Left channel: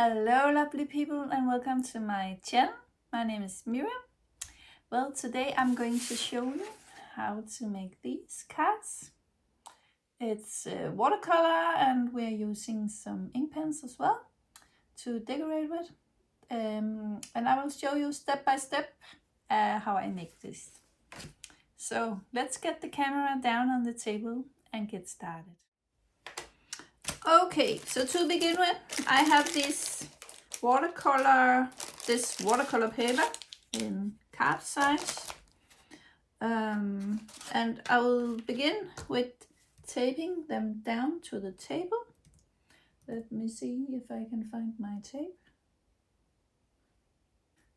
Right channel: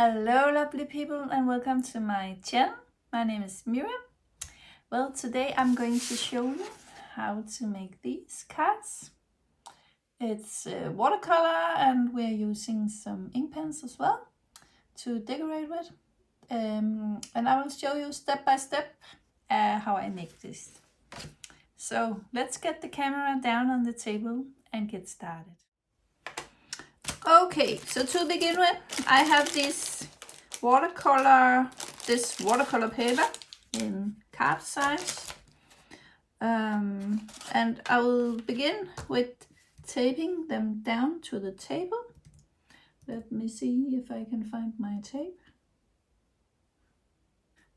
Hello lovely people and welcome to my channel. My name is Miriam. Well, today I'm going to show you how to make these cards. It's watercolor and we're using some ink pens as well to decorate with. And I will show you step by step how I make this. So let's get the camera down on the table and get started. Okay, so to begin with, I have this watercolor paper in card size, and I will begin with taping them down to the table. Let me see if I can find my tape.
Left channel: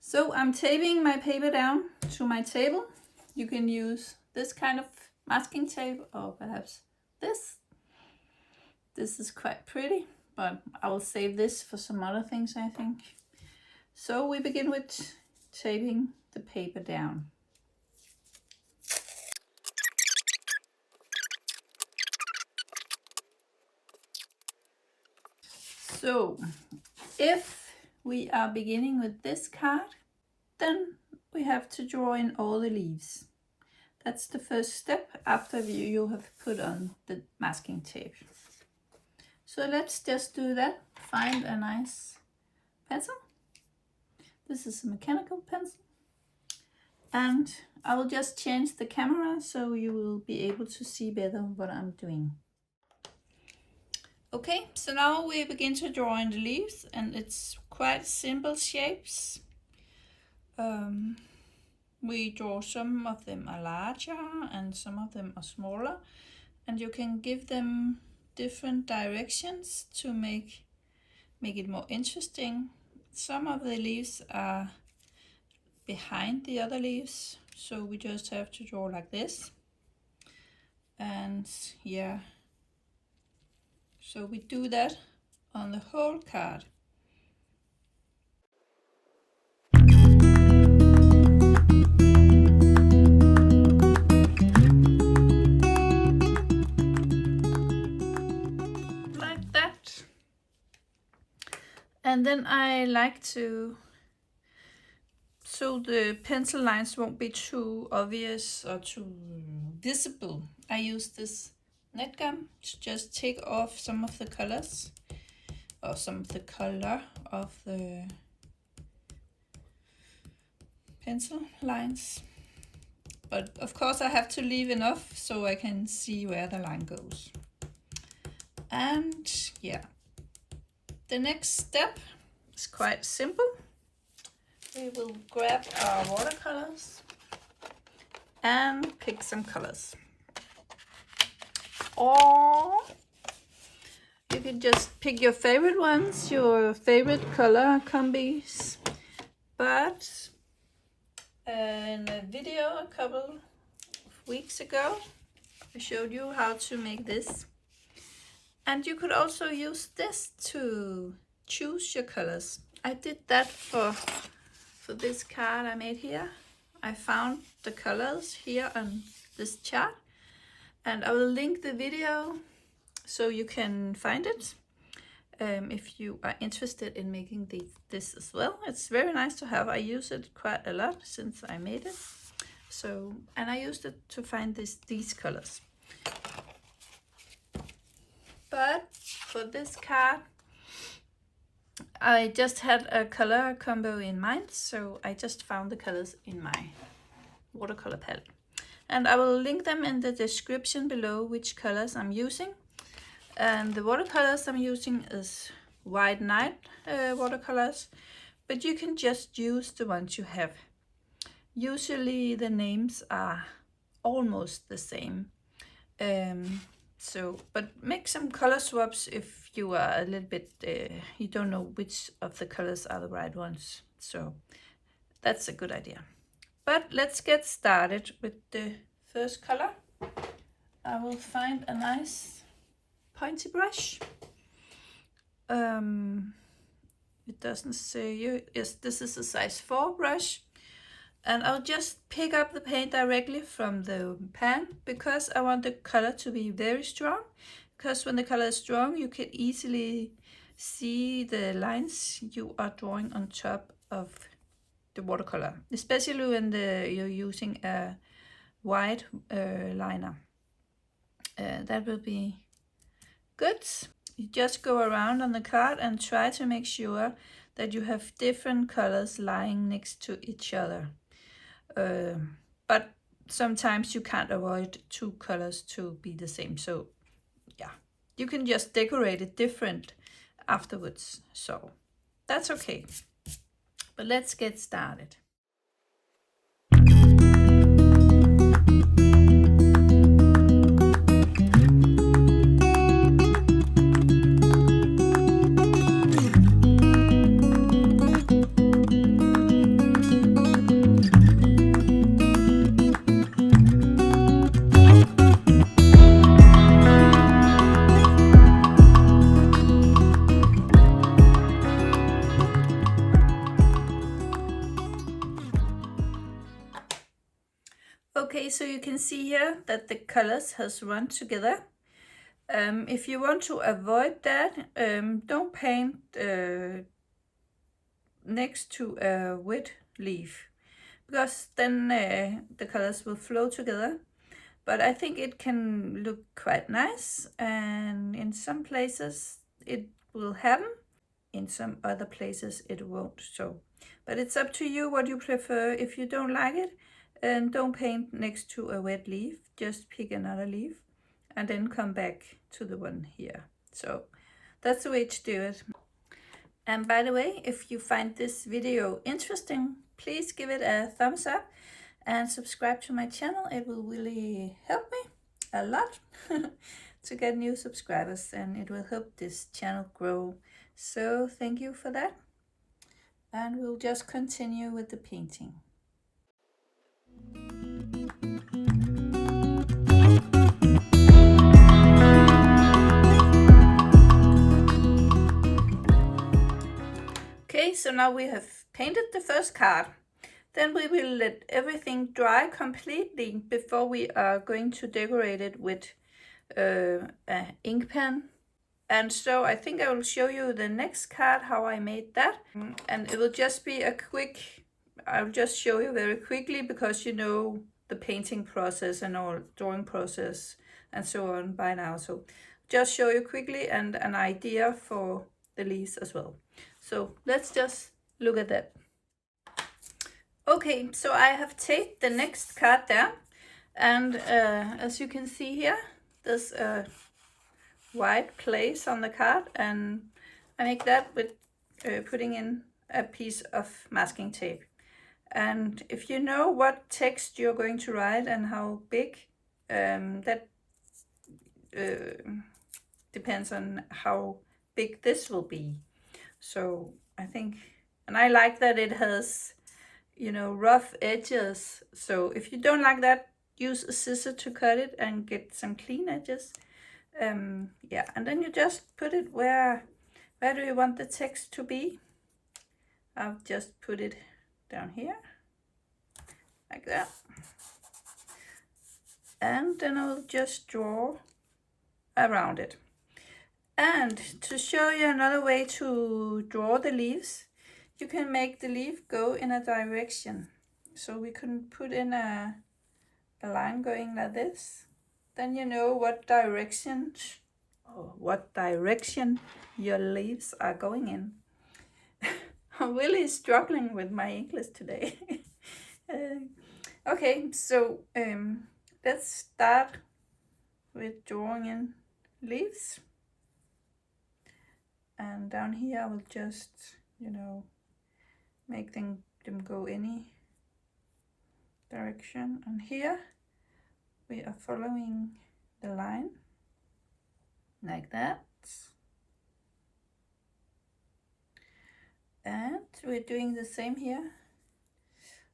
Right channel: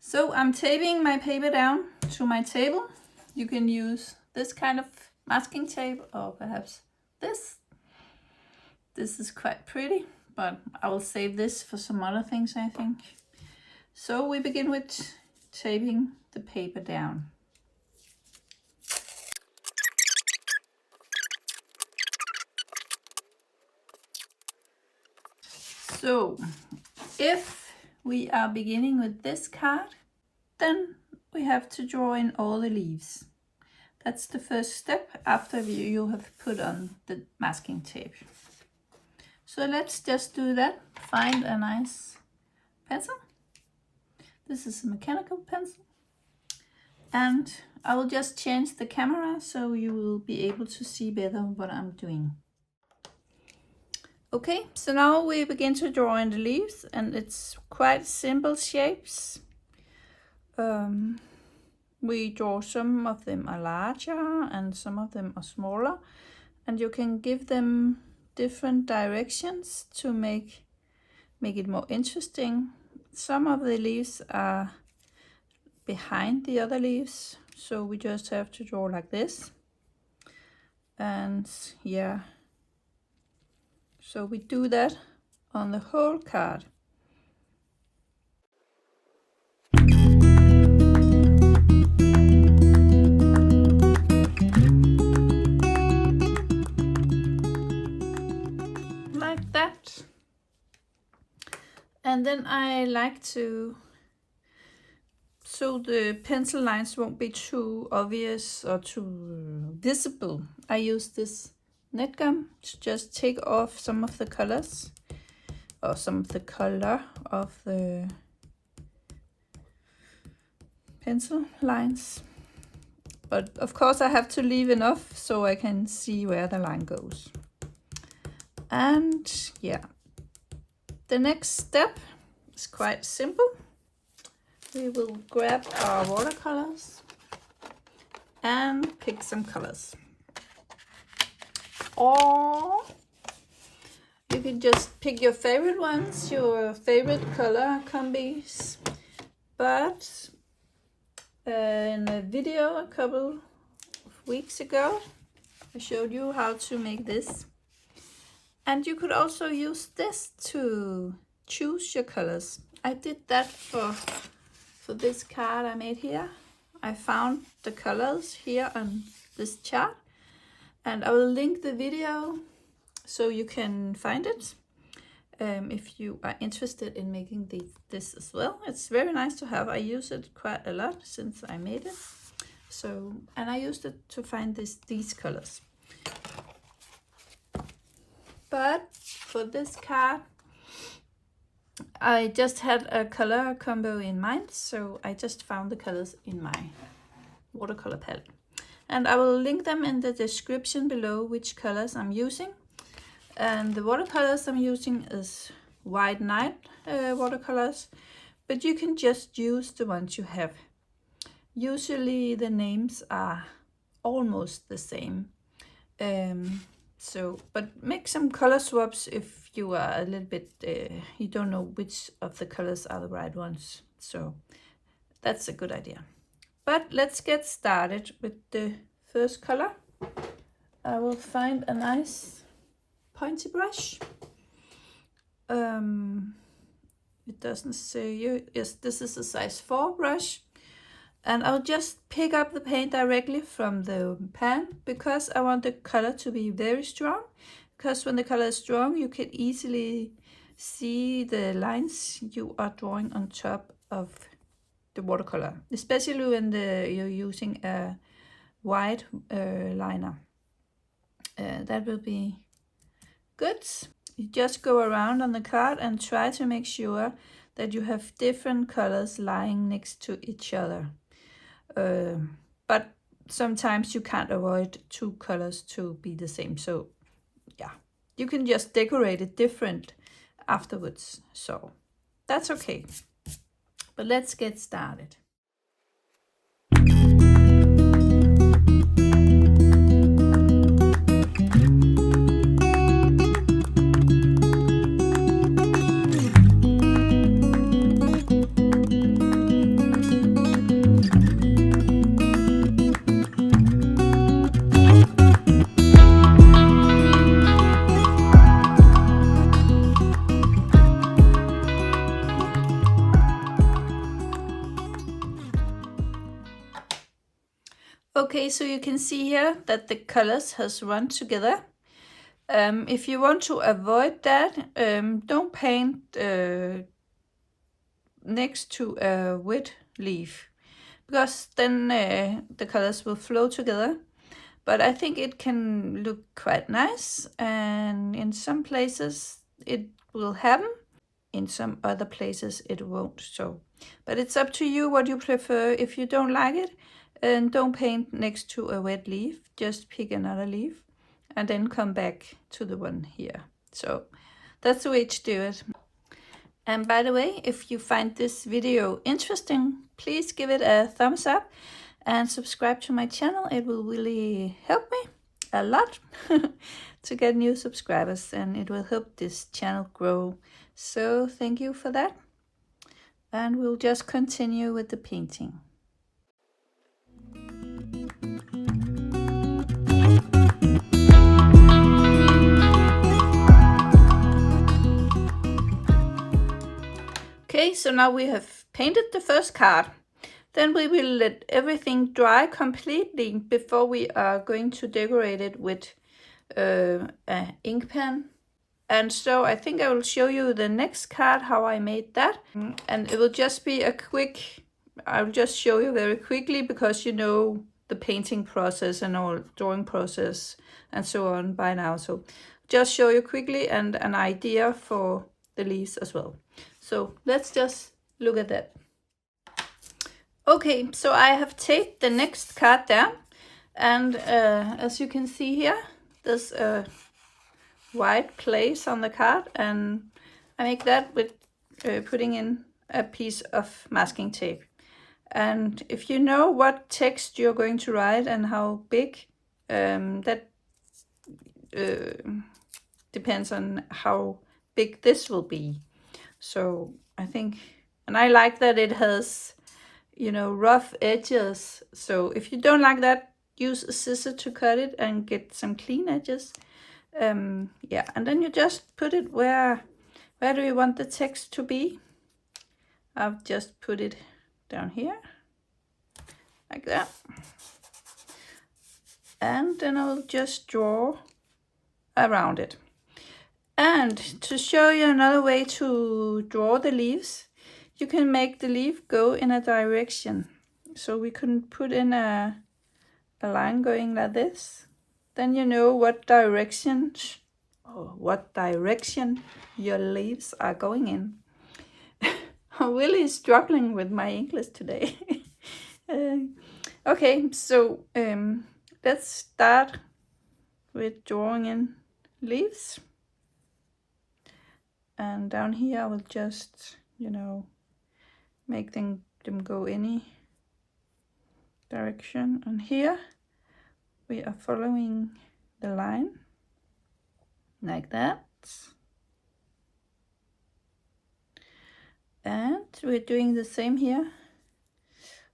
So I'm taping my paper down to my table. You can use this kind of masking tape or perhaps this. This is quite pretty, but I will save this for some other things, I think. So we begin with taping the paper down. So if we are beginning with this card, then we have to draw in all the leaves. That's the first step after you have put on the masking tape. So let's just do that. Find a nice pencil. This is a mechanical pencil. And I will just change the camera so you will be able to see better what I'm doing. Okay, so now we begin to draw in the leaves, and it's quite simple shapes. We draw, some of them are larger and some of them are smaller, and you can give them different directions to make it more interesting. Some of the leaves are behind the other leaves, so we just have to draw like this. And yeah, so we do that on the whole card. Like that. And then I like to, so the pencil lines won't be too obvious or too visible, I use this net gum to just take off some of the colors or some of the color of the pencil lines. But of course I have to leave enough so I can see where the line goes. And yeah, the next step is quite simple. We will grab our watercolors and pick some colors. Or you can just pick your favorite ones, your favorite color combis. But in a video a couple of weeks ago, I showed you how to make this. And you could also use this to choose your colors. I did that for this card I made here. I found the colors here on this chart, and I will link the video so you can find it if you are interested in making this as well. It's very nice to have. I use it quite a lot since I made it. So, and I used it to find these colors. But for this card, I just had a color combo in mind, so I just found the colors in my watercolor palette. And I will link them in the description below which colors I'm using. And the watercolors I'm using is White Night watercolors, but you can just use the ones you have. Usually the names are almost the same. But make some color swaps if you are a little bit, you don't know which of the colors are the right ones. So that's a good idea. But let's get started with the first color. I will find a nice pointy brush. It doesn't say, yes, this is a size 4 brush. And I'll just pick up the paint directly from the pan because I want the color to be very strong. Because when the color is strong, you can easily see the lines you are drawing on top of the watercolor, especially when you're using a white liner. That will be good. You just go around on the card and try to make sure that you have different colors lying next to each other. But sometimes you can't avoid two colors to be the same. So yeah, you can just decorate it different afterwards. So that's okay. But let's get started. Okay, so you can see here that the colors has run together. If you want to avoid that, don't paint next to a wet leaf, because then the colors will flow together. But I think it can look quite nice, and in some places it will happen, in some other places it won't. So, but it's up to you what you prefer. If you don't like it, and don't paint next to a wet leaf, just pick another leaf and then come back to the one here. So that's the way to do it. And by the way, if you find this video interesting, please give it a thumbs up and subscribe to my channel. It will really help me a lot to get new subscribers, and it will help this channel grow. So thank you for that. And we'll just continue with the painting. Okay, so now we have painted the first card. Then we will let everything dry completely before we are going to decorate it with an ink pen. And so I think I will show you the next card, how I made that. And it will just be a quick, I'll just show you very quickly, because you know the painting process and all, drawing process and so on by now. So just show you quickly and an idea for the leaves as well. So let's just look at that. Okay, so I have taped the next card down, and as you can see here, there's a white place on the card, and I make that with putting in a piece of masking tape. And if you know what text you're going to write and how big, that depends on how big this will be. So I think, and I like that it has, you know, rough edges. So if you don't like that, use a scissor to cut it and get some clean edges. Yeah, and then you just put it where do you want the text to be. I've just put it down here like that, and then I'll just draw around it. And to show you another way to draw the leaves, you can make the leaf go in a direction. So we can put in a line going like this. Then you know what direction your leaves are going in. I'm really struggling with my English today. Okay, so let's start with drawing in leaves. And down here I will just, you know, make them go any direction. And here we are following the line like that. And we're doing the same here.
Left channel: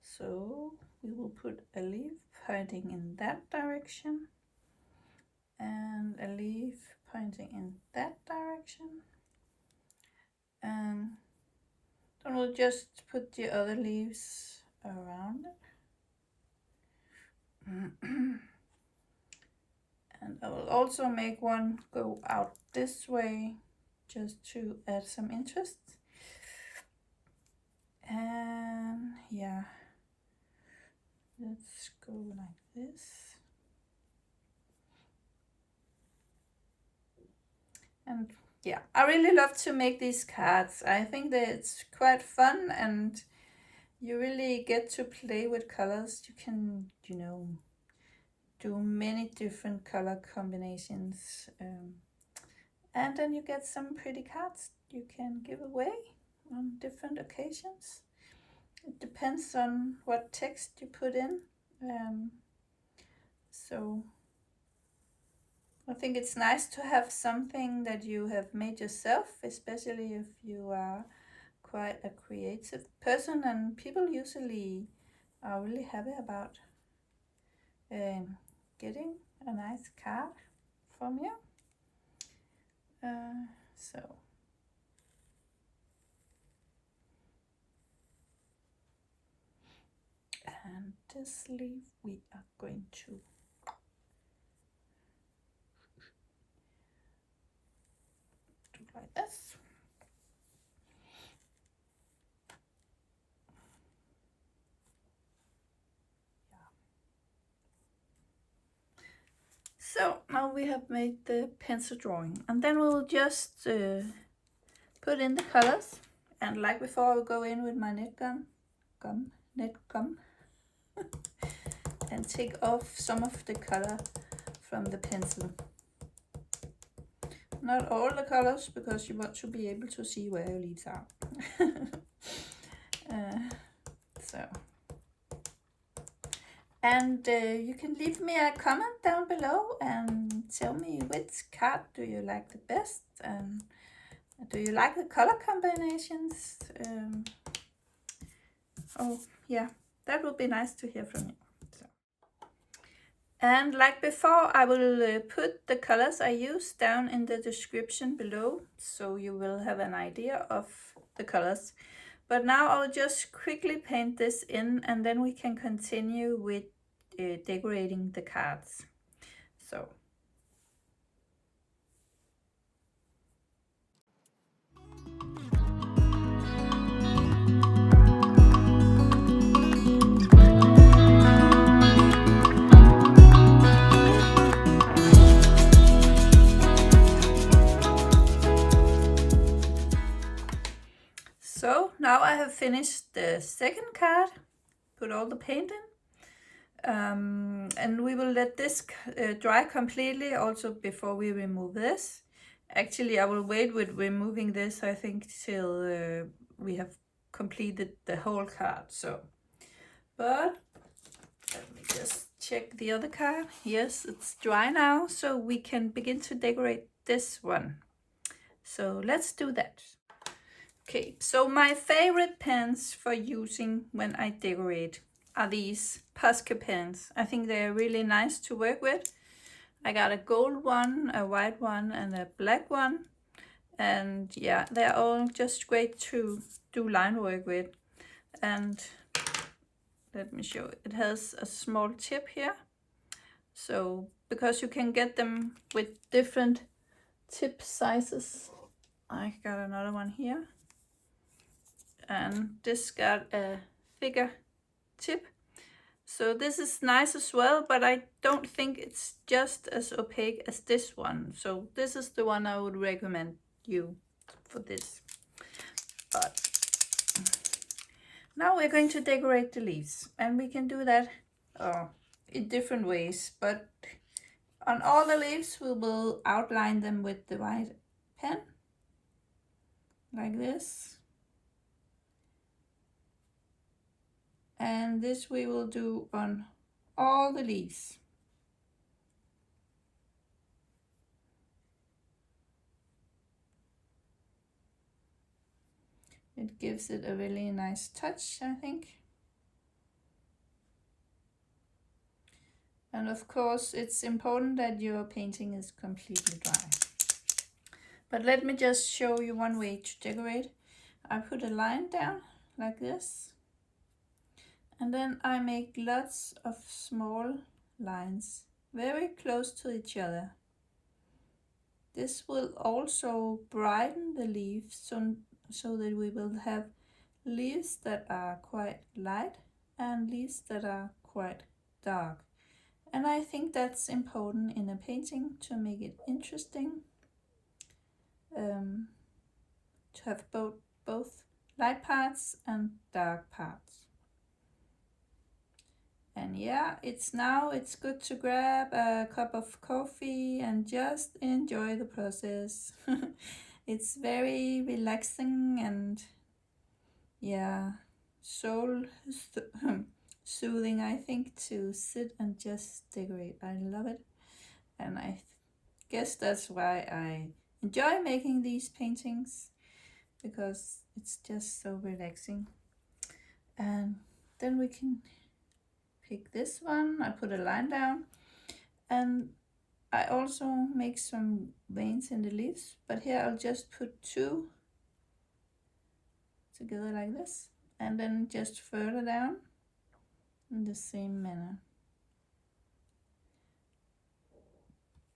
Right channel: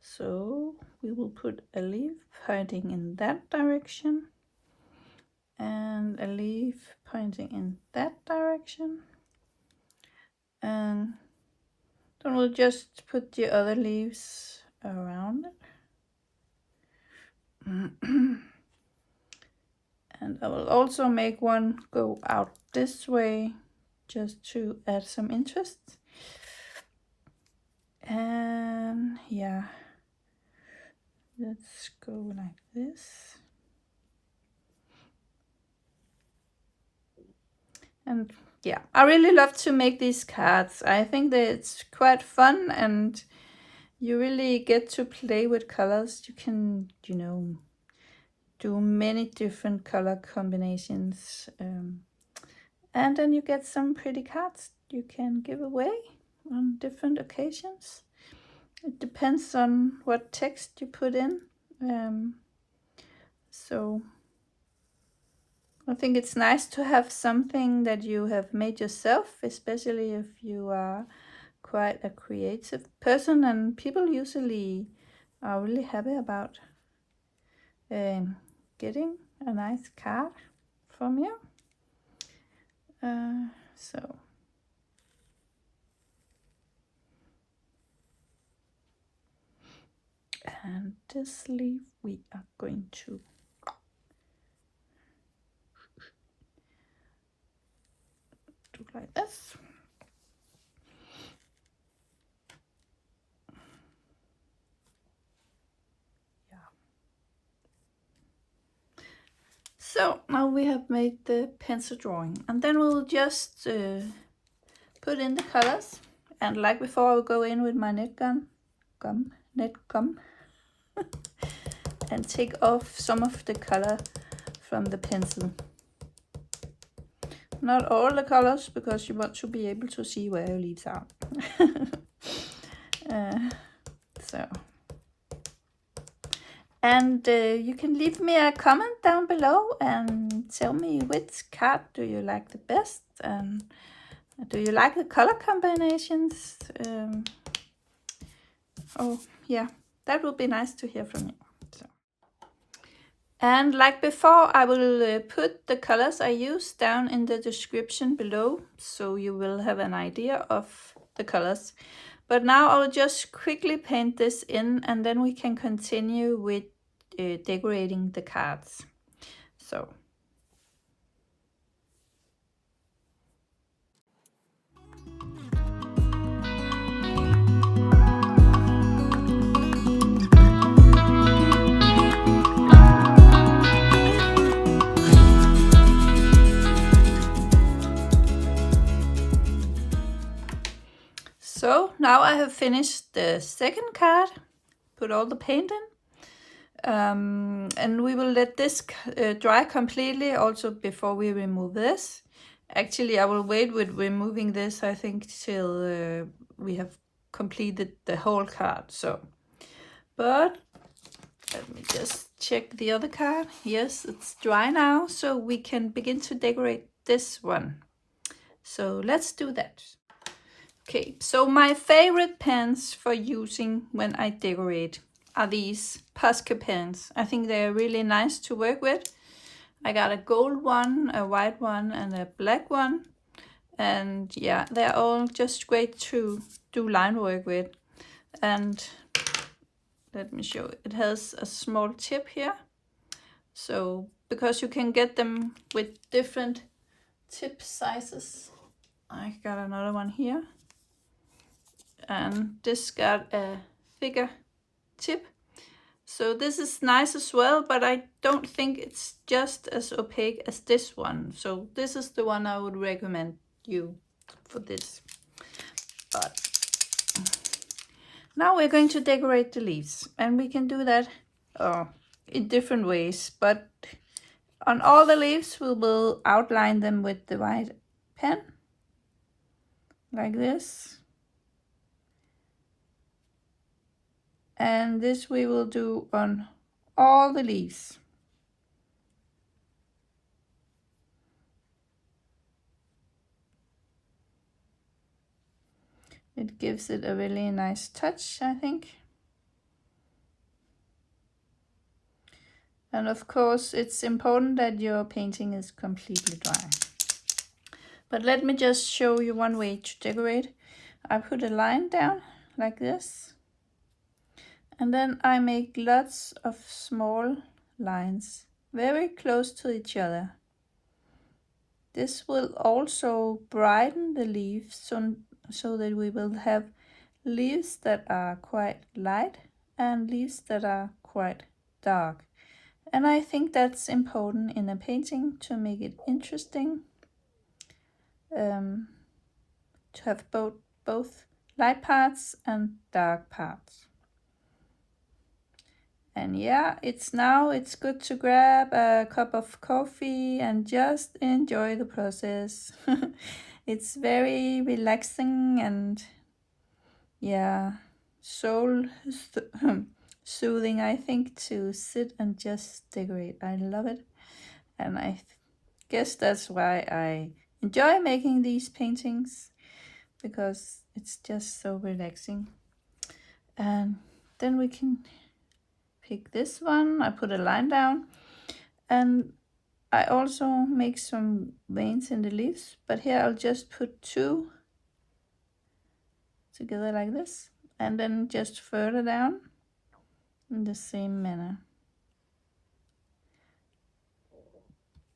So we will put a leaf pointing in that direction and a leaf pointing in that direction. And then we'll just put the other leaves around it. And I will also make one go out this way just to add some interest. And yeah, let's go like this. And yeah, I really love to make these cards. I think that it's quite fun and you really get to play with colors. You can, you know, do many different color combinations. And then you get some pretty cards you can give away on different occasions. It depends on what text you put in. So I think it's nice to have something that you have made yourself, especially if you are quite a creative person, and people usually are really happy about getting a nice card from you. So and this leaf we are going to do like this. So now we have made the pencil drawing, and then we'll just put in the colors. And like before, I'll go in with my net gum, and take off some of the color from the pencil. Not all the colors, because you want to be able to see where your leaves are. And you can leave me a comment down below and tell me which card do you like the best, and do you like the color combinations? Oh yeah, that would be nice to hear from you. So. And like before, I will put the colors I use down in the description below, so you will have an idea of the colors. But now I'll just quickly paint this in, and then we can continue with decorating the cards. So. So now I have finished the second card, put all the paint in, and we will let this dry completely also before we remove this. Actually, I will wait with removing this, I think, till we have completed the whole card. So, but let me just check the other card. Yes, it's dry now, so we can begin to decorate this one. So let's do that. Okay, so my favorite pens for using when I decorate are these Posca pens. I think they're really nice to work with. I got a gold one, a white one, and a black one. And yeah, they're all just great to do line work with. And let me show it. It has a small tip here. So, because you can get them with different tip sizes. I got another one here. And this got a thicker tip, so this is nice as well, but I don't think it's just as opaque as this one, so this is the one I would recommend you for this. But now we're going to decorate the leaves, and we can do that in different ways, but on all the leaves we will outline them with the white pen like this. And this we will do on all the leaves. It gives it a really nice touch, I think. And of course, it's important that your painting is completely dry. But let me just show you one way to decorate. I put a line down like this. And then I make lots of small lines very close to each other. this will also brighten the leaves so that we will have leaves that are quite light and leaves that are quite dark. And I think that's important in a painting to make it interesting, to have both light parts and dark parts. And yeah, it's good to grab a cup of coffee and just enjoy the process. It's very relaxing and yeah, soul soothing, I think, to sit and just decorate. I love it, and I guess that's why I enjoy making these paintings, because it's just so relaxing. And then we can pick this one. I put a line down, and I also make some veins in the leaves, but here I'll just put 2 together like this, and then just further down in the same manner,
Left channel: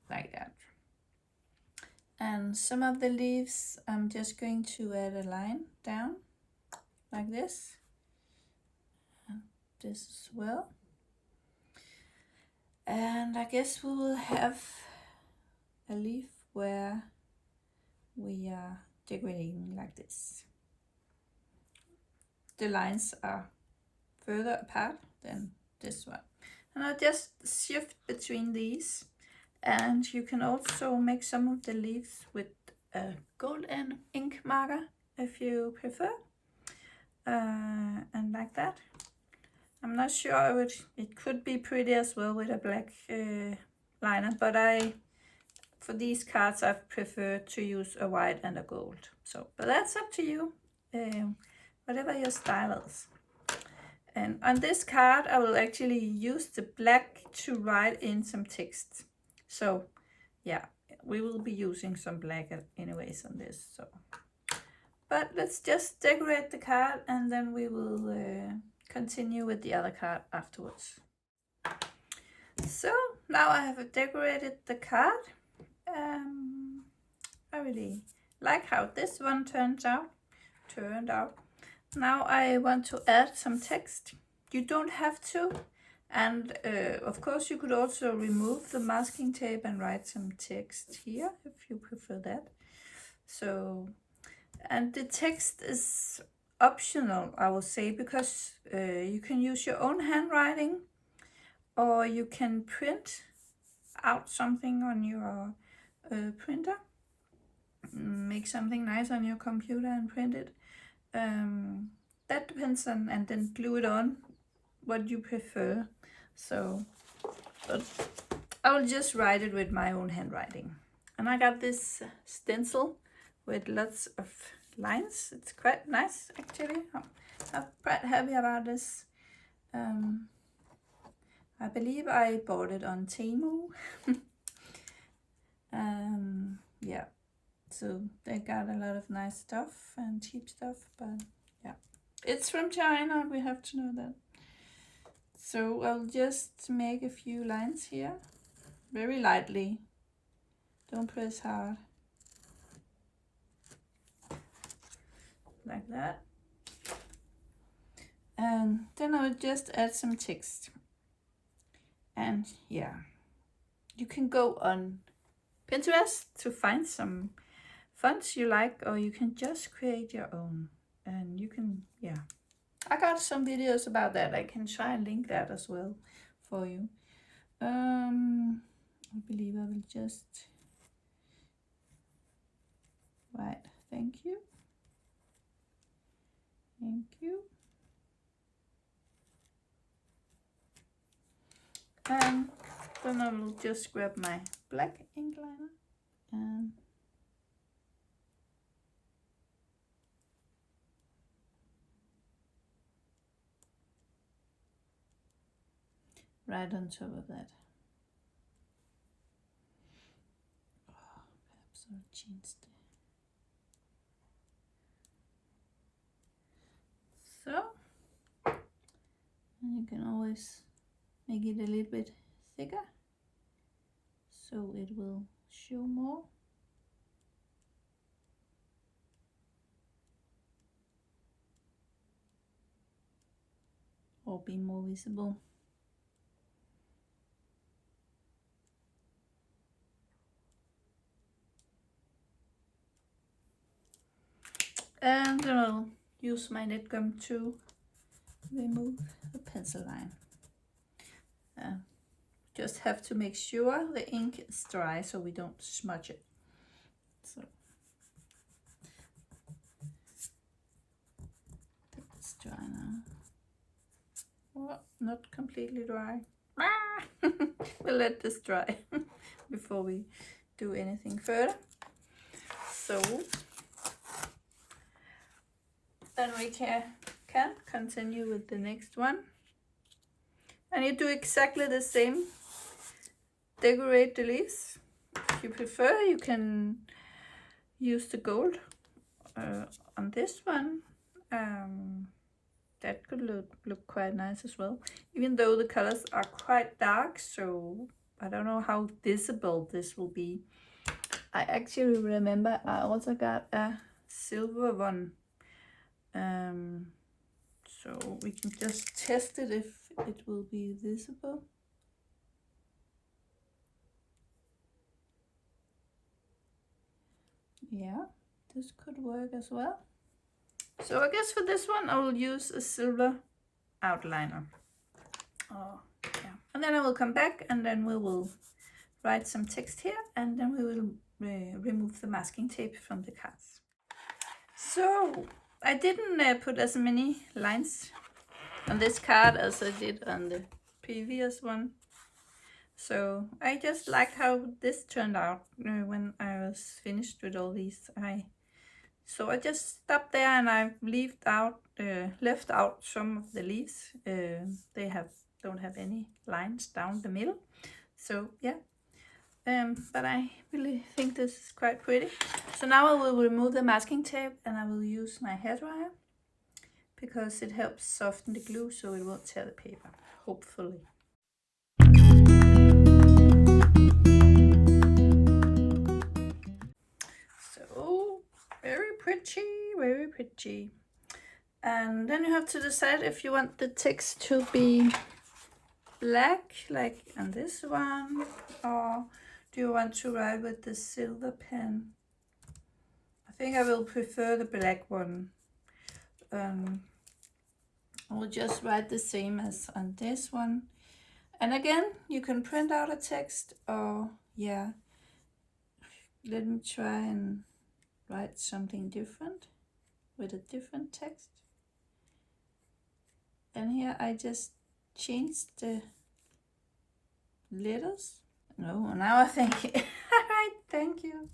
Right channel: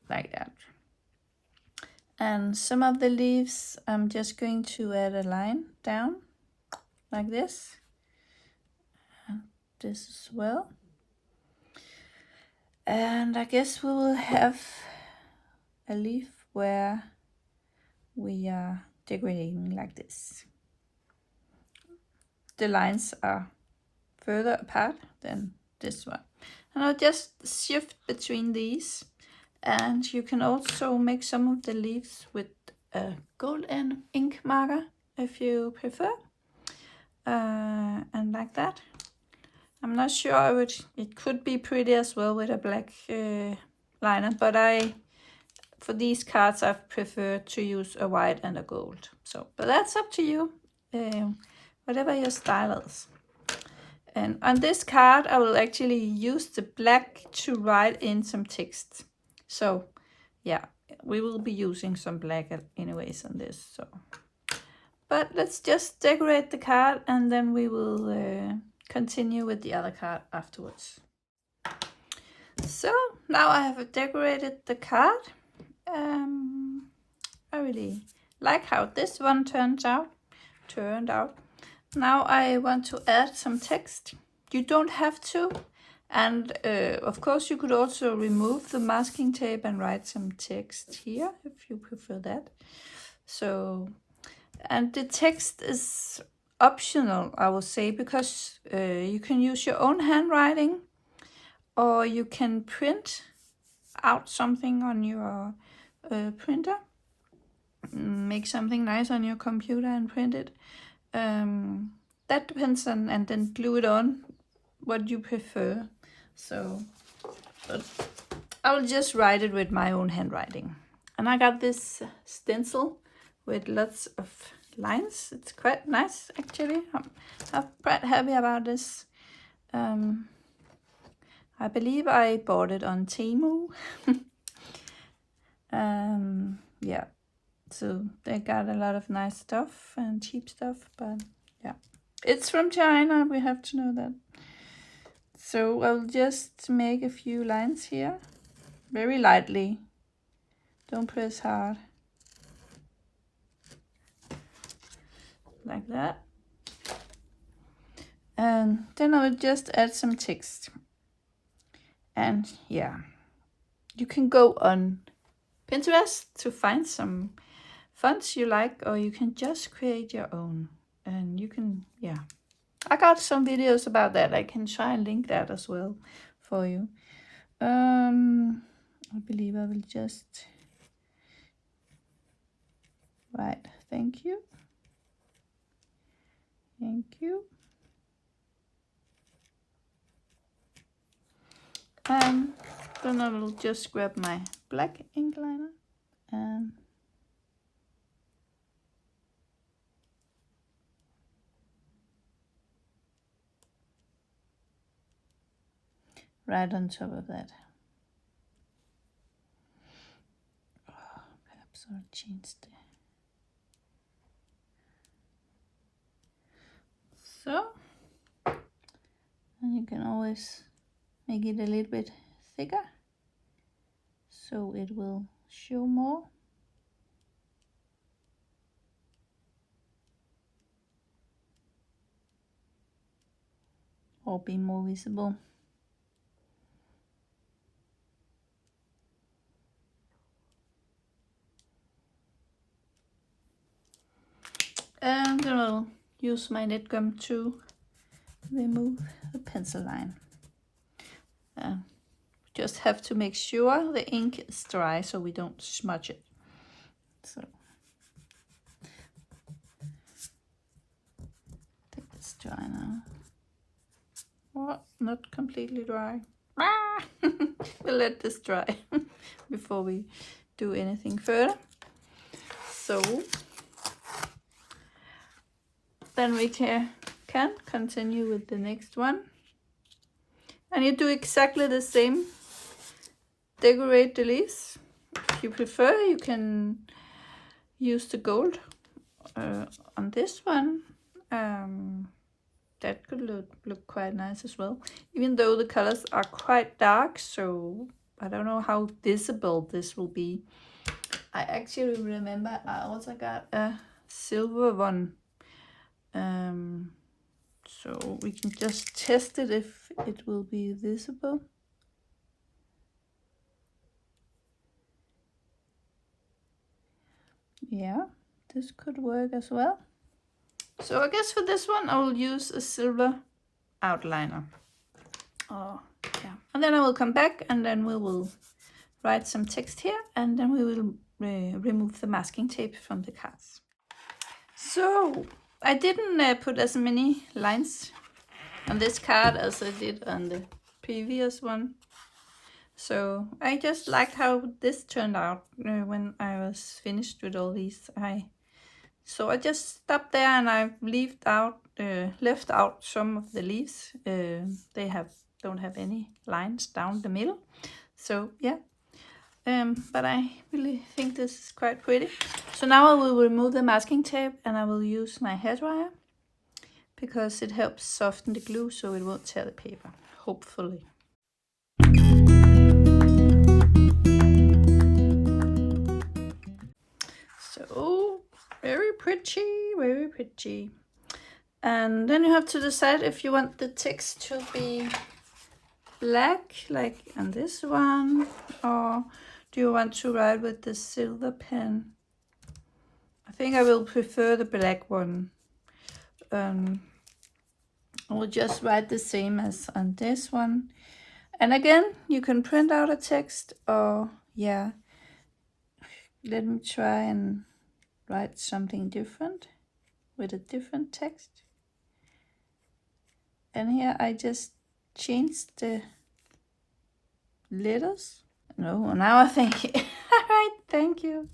like that. And some of the leaves I'm just going to add a line down like this, and this as well. And I guess we will have a leaf where we are decorating like this. The lines are further apart than this one, and I'll just shift between these. And you can also make some of the leaves with a gold and ink marker if you prefer, and like that. I'm not sure it could be pretty as well with a black liner, but for these cards I prefer to use a white and a gold. So, but that's up to you, whatever your style is. And on this card I will actually use the black to write in some text. So yeah, we will be using some black anyways on this. So, but let's just decorate the card, and then we will continue with the other card afterwards. So now I have decorated the card. I really like how this one turned out. Now I want to add some text. You don't have to, and of course you could also remove the masking tape and write some text here if you prefer that. So, and the text is optional, I will say, because you can use your own handwriting, or you can print out something on your printer, make something nice on your computer and print it. That depends on, and then glue it on, what you prefer. So, but I will just write it with my own handwriting. And I got this stencil with lots of lines. It's quite nice, actually. I'm quite happy about this. I believe I bought it on Temu. Yeah, so they got a lot of nice stuff and cheap stuff, but yeah, it's from China, we have to know that. So I'll just make a few lines here, very lightly, don't press hard, like that. And then I'll just add some text. And yeah, you can go on Pinterest to find some fonts you like, or you can just create your own. And you can, yeah, I got some videos about that. I can try and link that as well for you. I believe I will just write thank you. Thank you. And then I will just grab my black ink liner and right on top of that. Oh, perhaps I'll change the. So, and you can always make it a little bit thicker so it will show more. or be more visible. And I'll use my net gum to remove the pencil line. Just have to make sure the ink is dry so we don't smudge it. So it's dry now. Oh, not completely dry. We'll let this dry before we do anything further. So then we can continue with the next one. And you do exactly the same. Decorate the leaves. If you prefer, you can use the gold on this one. That could look quite nice as well, even though the colors are quite dark, so I don't know how visible this will be. I actually remember I also got a silver one, so we can just test it if it will be visible. Yeah, this could work as well. So I guess for this one I will use a silver outliner. Oh, yeah. And then I will come back and then we will write some text here, and then we will remove the masking tape from the cards. So I didn't put as many lines on this card as I did on the previous one. So I just liked how this turned out when I was finished with all these. So I just stopped there and I left out some of the leaves. They don't have any lines down the middle. So yeah, but I really think this is quite pretty. So now I will remove the masking tape and I will use my hairdryer because it helps soften the glue so it won't tear the paper, hopefully. So very pretty, very pretty. And then you have to decide if you want the text to be black like on this one, or do you want to write with the silver pen? I think I will prefer the black one. I will just write the same as on this one. And again, you can print out a text, or yeah, let me try and write something different with a different text. And here I just changed the letters. No, now I think all right, thank you.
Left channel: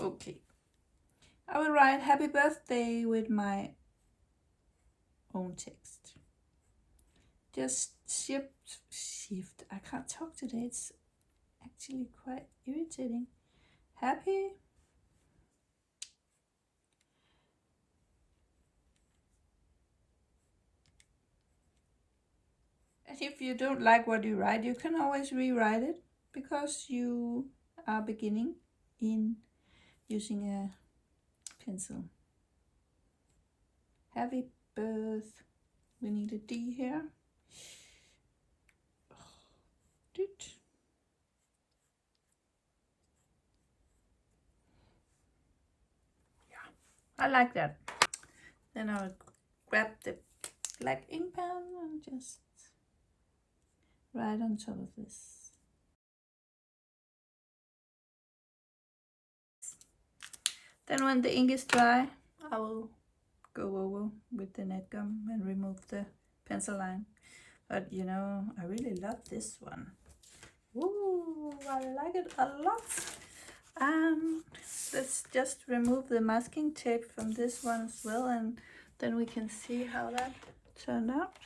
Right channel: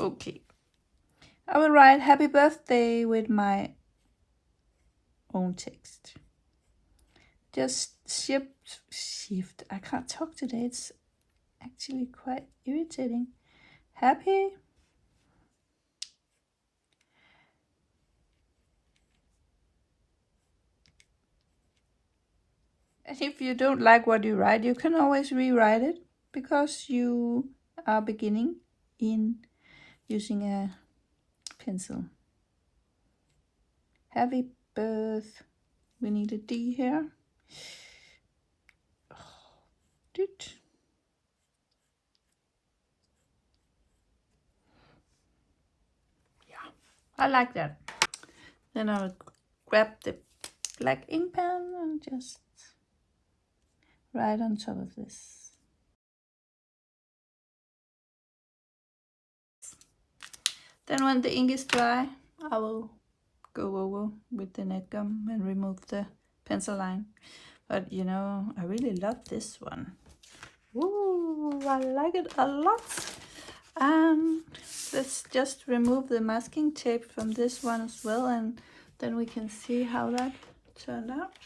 Okay, I will write happy birthday with my own text. Just shift. I can't talk today. It's actually quite irritating. Happy. And if you don't like what you write, you can always rewrite it because you are beginning in using a pencil. Happy birth. We need a D here. Yeah, I like that. Then I'll grab the black ink pen and just write on top of this. Then when the ink is dry, I will go over with the net gum and remove the pencil line. But you know, I really love this one. Ooh, I like it a lot. And let's just remove the masking tape from this one as well, and then we can see how that turned out.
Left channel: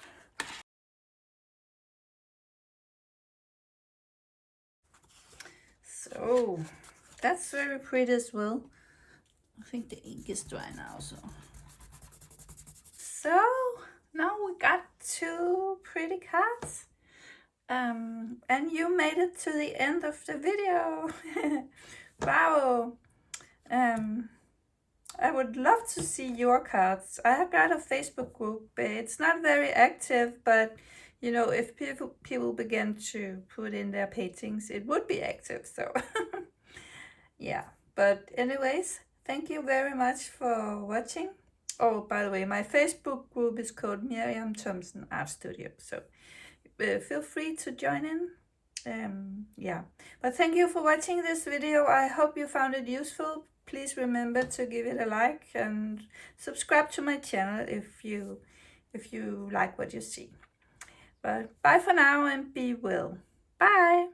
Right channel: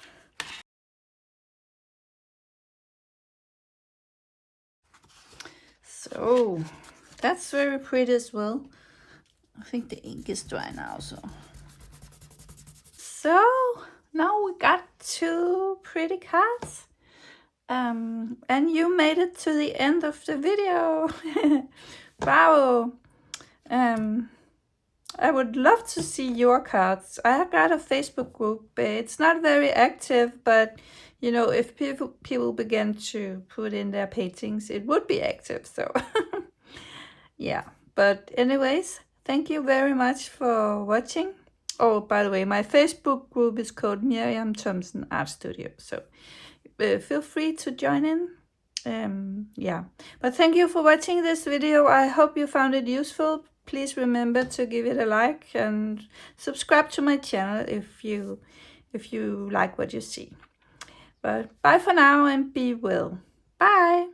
So that's very pretty as well. I think the ink is dry now, so now we got 2 pretty cards. And you made it to the end of the video. Bravo. I would love to see your cards. I have got a Facebook group. It's not very active, but you know, if people begin to put in their paintings, it would be active. So yeah. But anyways, thank you very much for watching. Oh, by the way, my Facebook group is called Miriam Thompson Art Studio. So feel free to join in. Yeah, but thank you for watching this video. I hope you found it useful. Please remember to give it a like and subscribe to my channel if you like what you see. But bye for now and be well. Bye.